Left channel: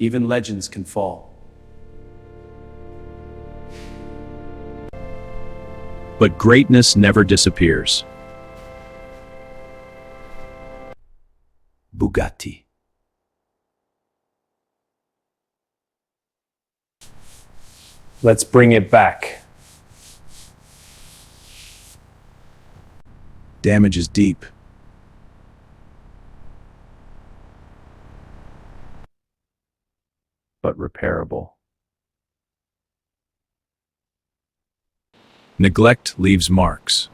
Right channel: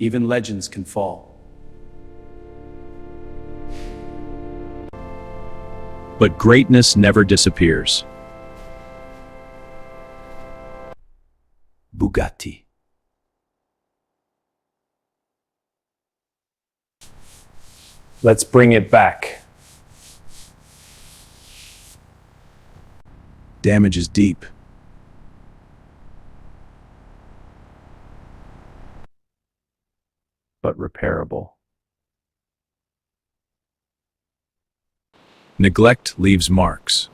Even legends can fall. But greatness never disappears. Bugatti. Let's bring it back. Damage is deep. But repairable. Neglect leaves marks.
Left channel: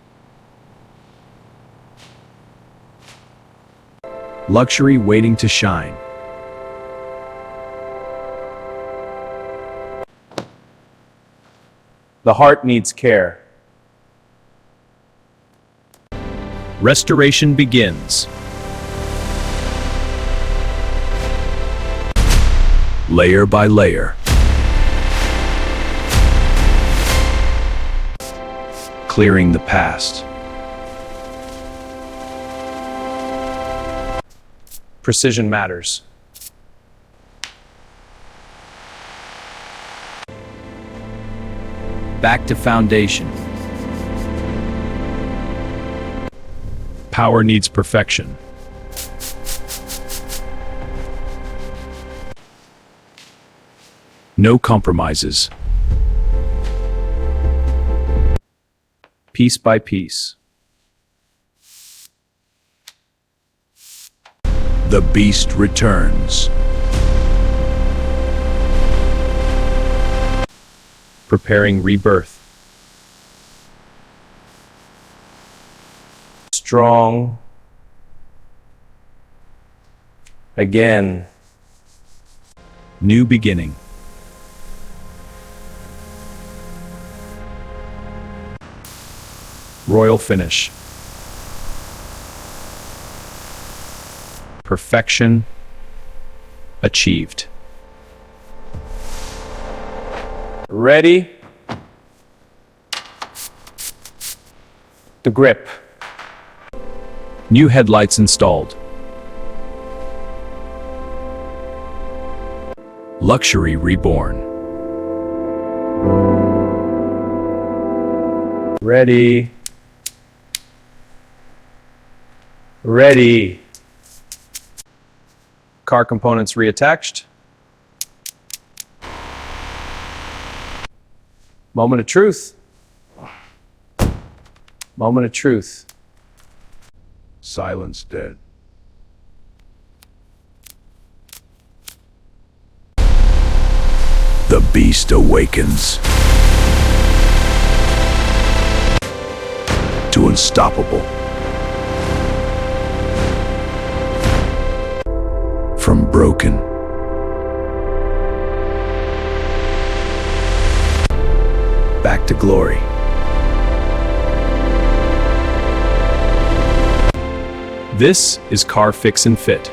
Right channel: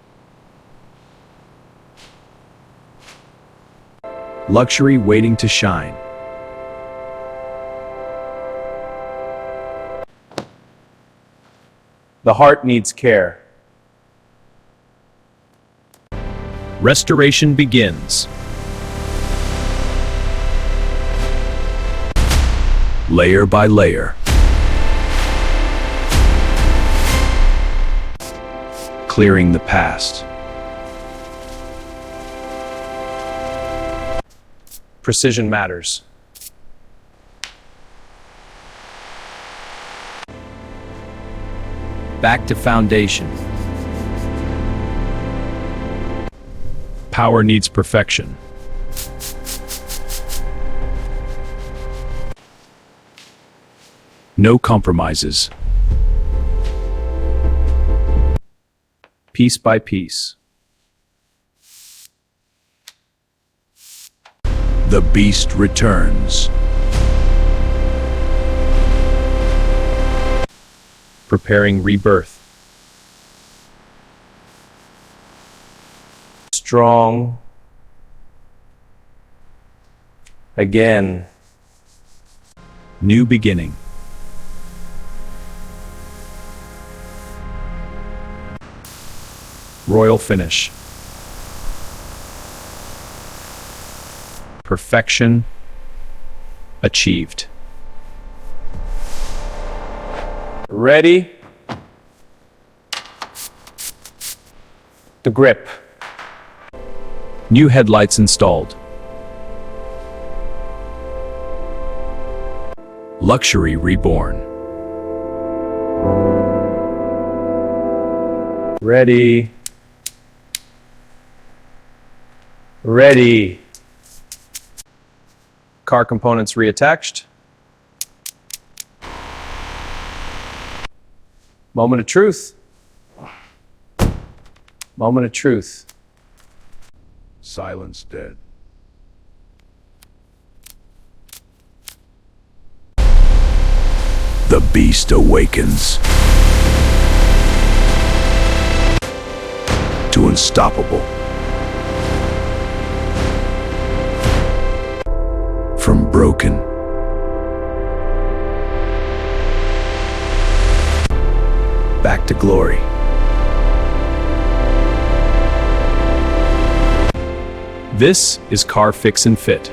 Luxury waiting to shine. The heart needs care. Restoration begins. Layer by layer. Clearing the past. Precision matters. Back to foundation. Power needs perfection. No compromises. Piece by piece. The beast returns. Preparing rebirth. Strong. Again. New beginning. Royal finish. Perfection achieved. Ready? The grip. New headlights installed. Luxury reborn. Ready. Ready. Car components reattached. Moment of truth. Moment of truth. Silence dead. The beast awakens. To unstoppable. From broken. Back to glory. This is Car Fix and Fit.